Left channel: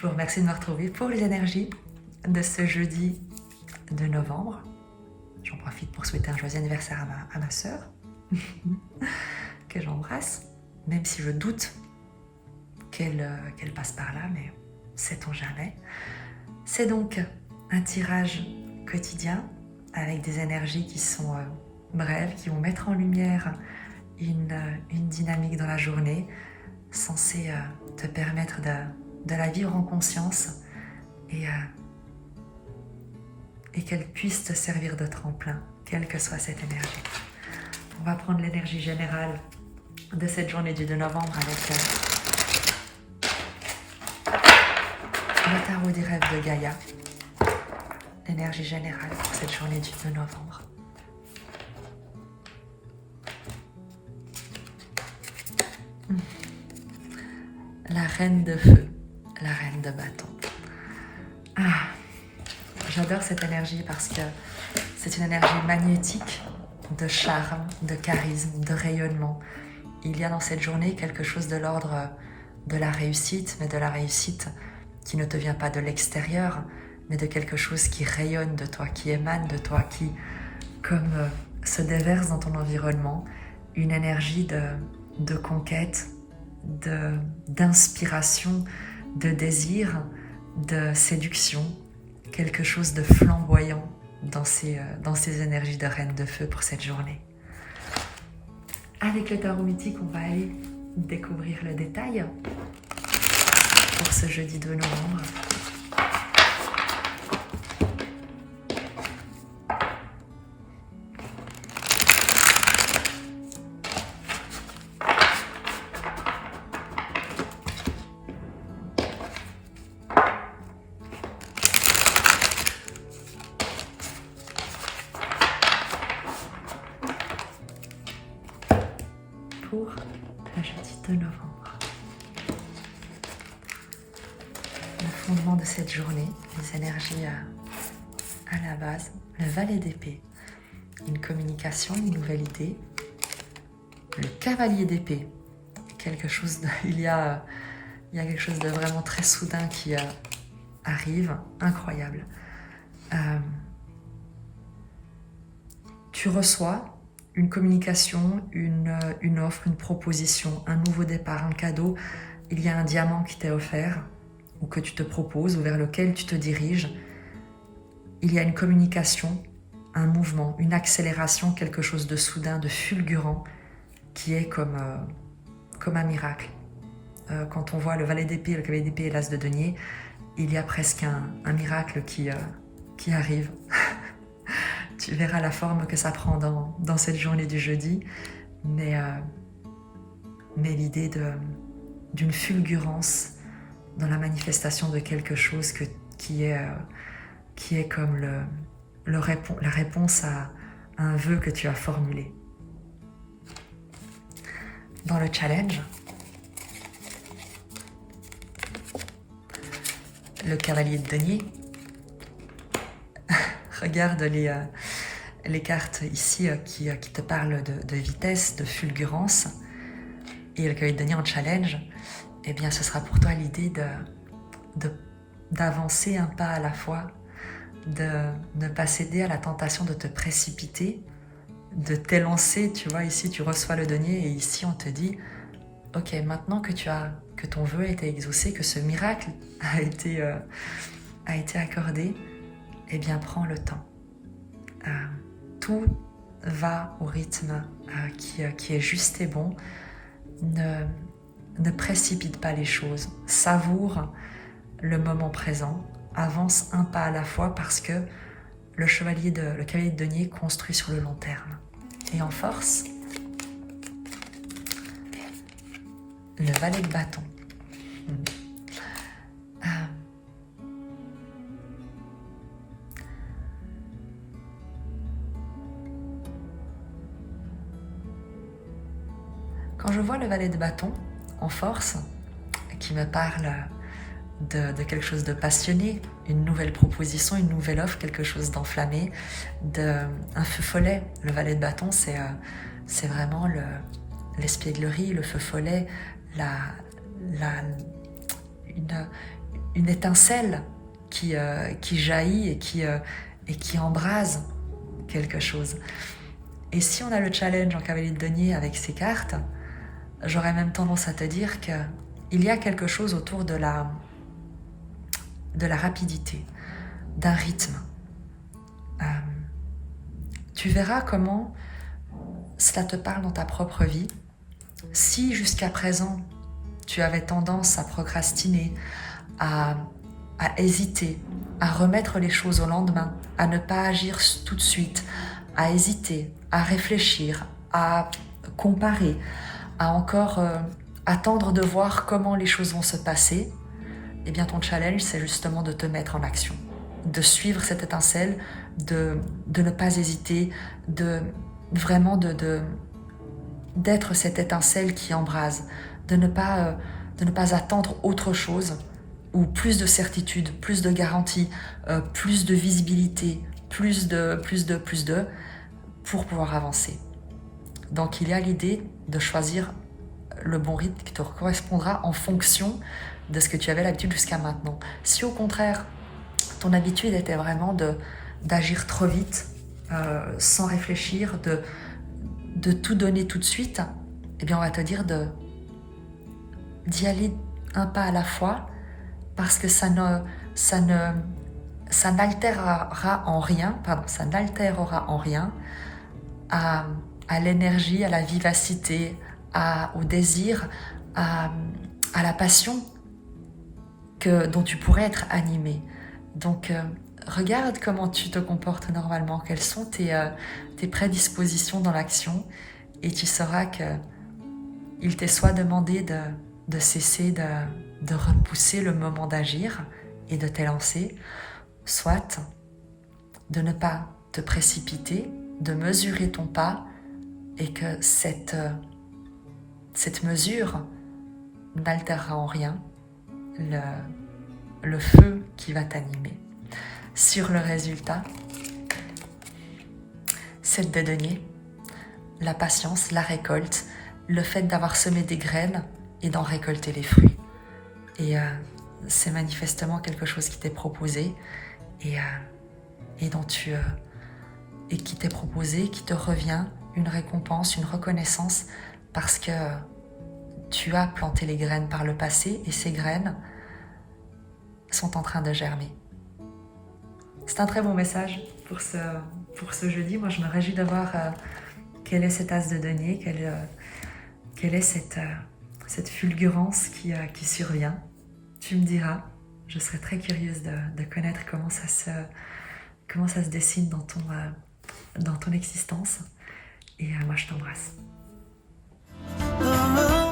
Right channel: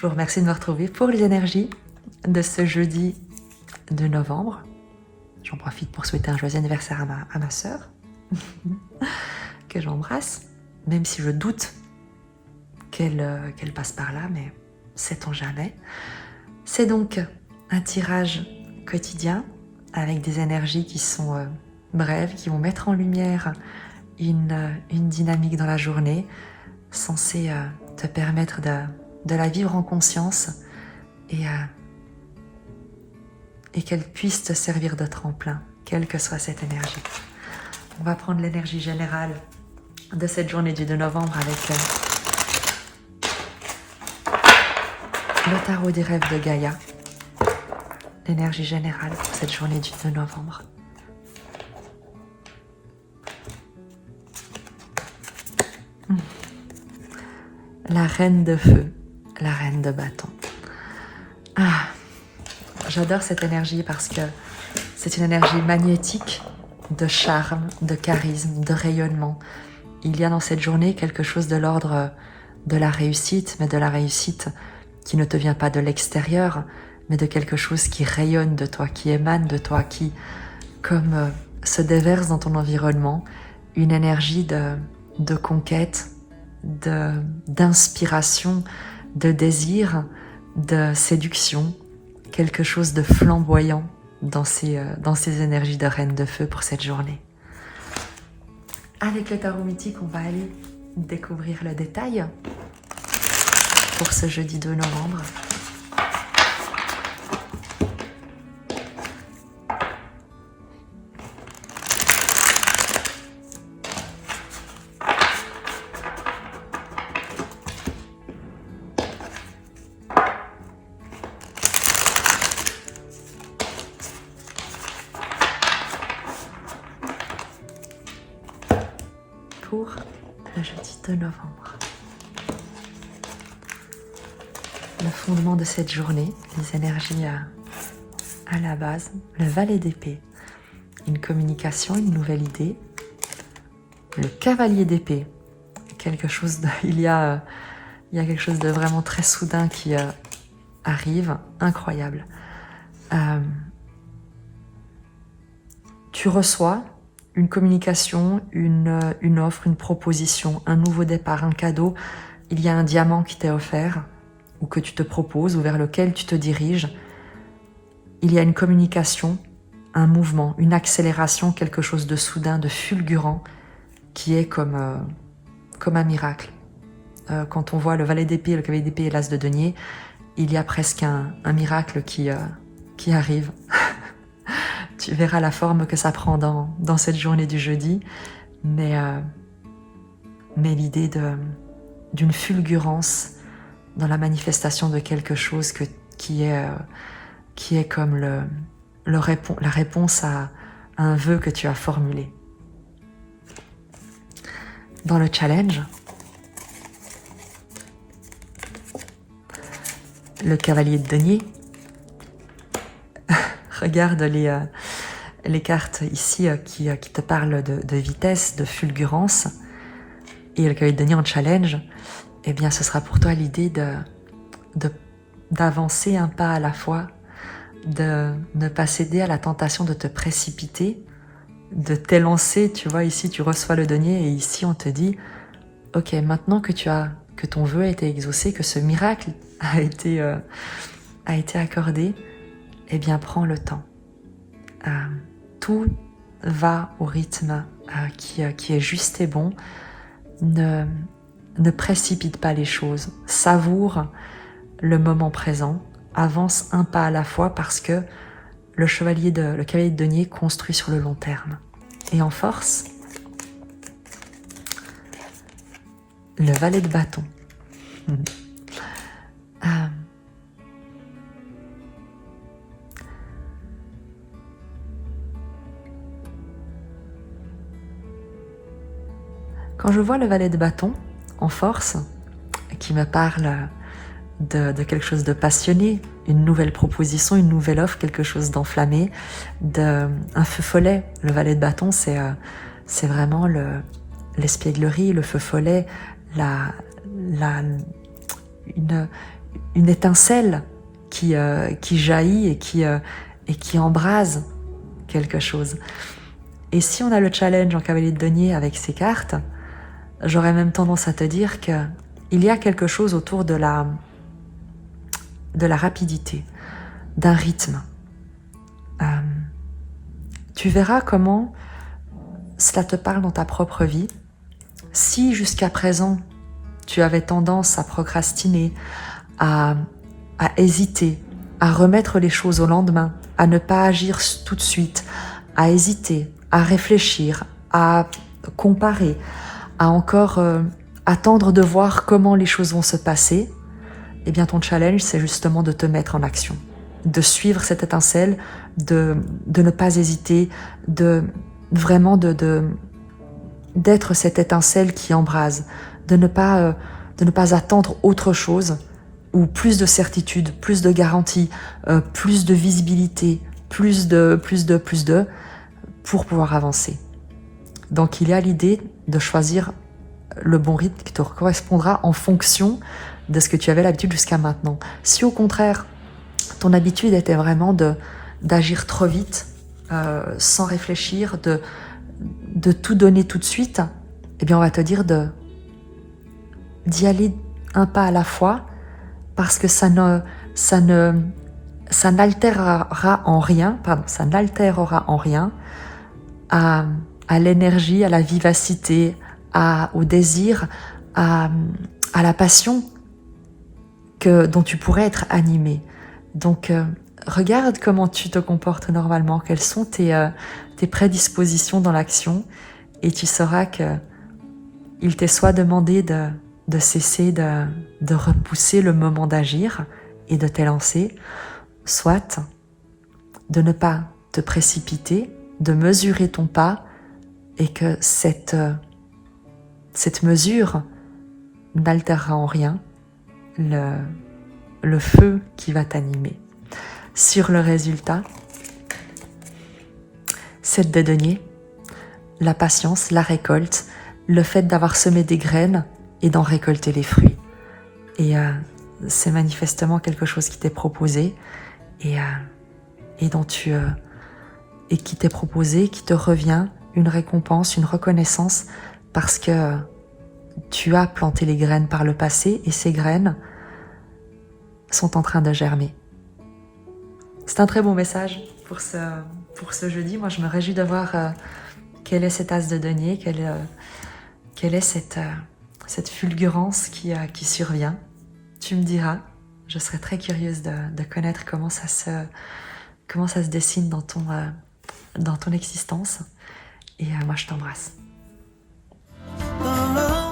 Je vous remercie de me retrouver pour les énergies de ce jeudi de novembre. J'en profite pour souhaiter un joyeux anniversaire à ma sœur, que j'embrasse, même si je doute qu'elle passe par là, mais sait-on jamais. C'est donc un tirage quotidien avec des énergies qui sont brèves, qui vont mettre en lumière une dynamique dans la journée, censée te permettre de la vivre en conscience et qu'elle puisse te servir de tremplin, quelle que soit cette énergie. On va prendre l'énergie générale de cette journée du 2 novembre avec le tarot des rêves de Gaïa. L'énergie générale de cette journée du 2 novembre. La reine de feu, la reine de bâton. Ah, j'adore cette énergie parce que c'est une énergie magnétique de charme, de charisme, de rayonnement. Il y a dans cette journée quelque chose de l'ordre de la réussite, mais de la réussite qui ne te vient pas de l'extérieur, mais de quelque chose qui rayonne de toi, qui émane de toi, qui, comme se déverse dans ton environnement, une énergie de conquête, d'inspiration, de désir, de séduction, quelque chose de flamboyant dans ces énergies de reine de feu pour cette journée. Avec le tarot mythique, on va aller découvrir le détail pour ce jeudi 2 novembre. Pour le jeudi 2 novembre. Le fondement de cette journée, les énergies à la base, le valet d'épée, une communication, une nouvelle idée, le cavalier d'épée, il y a quelque chose de vraiment très soudain qui arrive, incroyable. Tu reçois une communication, une offre, une proposition, un nouveau départ, un cadeau. Il y a un diamant qui t'est offert ou que tu te proposes ou vers lequel tu te diriges. Il y a une communication, un mouvement, une accélération, quelque chose de soudain, de fulgurant qui est comme un miracle. Quand on voit le valet d'épée, le cavalier d'épée et l'as de denier, il y a presque un miracle qui arrive. Tu verras la forme que ça prend dans cette journée du jeudi, mais l'idée d'une fulgurance dans la manifestation de quelque chose qui est comme la réponse à un vœu que tu as formulé. Dans le challenge, le cavalier de denier, regarde les cartes ici qui te parlent de vitesse, de fulgurance. Et le cavalier de denier en challenge, eh bien ce sera pour toi l'idée d'avancer un pas à la fois, de ne pas céder à la tentation de te précipiter, de t'élancer. Tu vois, ici tu reçois le denier et ici on te dit ok, maintenant que ton vœu a été exaucé, que ce miracle a été accordé, eh bien prends le temps. Tout va au rythme qui est juste et bon. Ne précipite pas les choses. Savoure le moment présent. Avance un pas à la fois parce que le cavalier de denier construit sur le long terme. Et en force, le valet de bâton. Quand je vois le valet de bâton en force, qui me parle de quelque chose de passionné, une nouvelle proposition, une nouvelle offre, quelque chose d'enflammé, un feu follet. Le valet de bâton, c'est vraiment l'espièglerie, le feu follet, une étincelle qui jaillit et qui embrase quelque chose. Et si on a le challenge en cavalier de denier avec ces cartes, j'aurais même tendance à te dire qu'il y a quelque chose autour de la rapidité, d'un rythme. Tu verras comment cela te parle dans ta propre vie. Si jusqu'à présent, tu avais tendance à procrastiner, à hésiter, à remettre les choses au lendemain, à ne pas agir tout de suite, à hésiter, à réfléchir, à comparer, à encore attendre de voir comment les choses vont se passer, eh bien ton challenge, c'est justement de te mettre en action, de suivre cette étincelle, de ne pas hésiter, vraiment d'être cette étincelle qui embrase, de ne pas attendre autre chose, ou plus de certitude, plus de garantie, plus de visibilité, plus de, pour pouvoir avancer. Donc il y a l'idée de choisir le bon rythme qui te correspondra en fonction de ce que tu avais l'habitude jusqu'à maintenant. Si au contraire, ton habitude était vraiment d'agir trop vite, sans réfléchir, de tout donner tout de suite, eh bien on va te dire d'y aller un pas à la fois, parce que ça n'altérera en rien à l'énergie, à la vivacité, au désir, à la passion dont tu pourrais être animé. Donc regarde comment tu te comportes normalement, quelles sont tes prédispositions dans l'action, et tu sauras qu'il t'est soit demandé de cesser de repousser le moment d'agir et de t'élancer, soit de ne pas te précipiter, de mesurer ton pas, et que cette mesure n'altérera en rien le feu qui va t'animer. Sur le résultat, 7 de denier, la patience, la récolte, le fait d'avoir semé des graines et d'en récolter les fruits. Et c'est manifestement quelque chose qui t'est proposé et qui t'est proposé, qui te revient, une récompense, une reconnaissance, parce que tu as planté les graines par le passé et ces graines sont en train de germer. C'est un très bon message pour ce jeudi. Moi, je me réjouis de voir quel est cet as de denier, quelle est cette fulgurance qui survient. Tu me diras, je serais très curieuse de connaître comment ça se dessine dans ton existence. Et moi, je t'embrasse.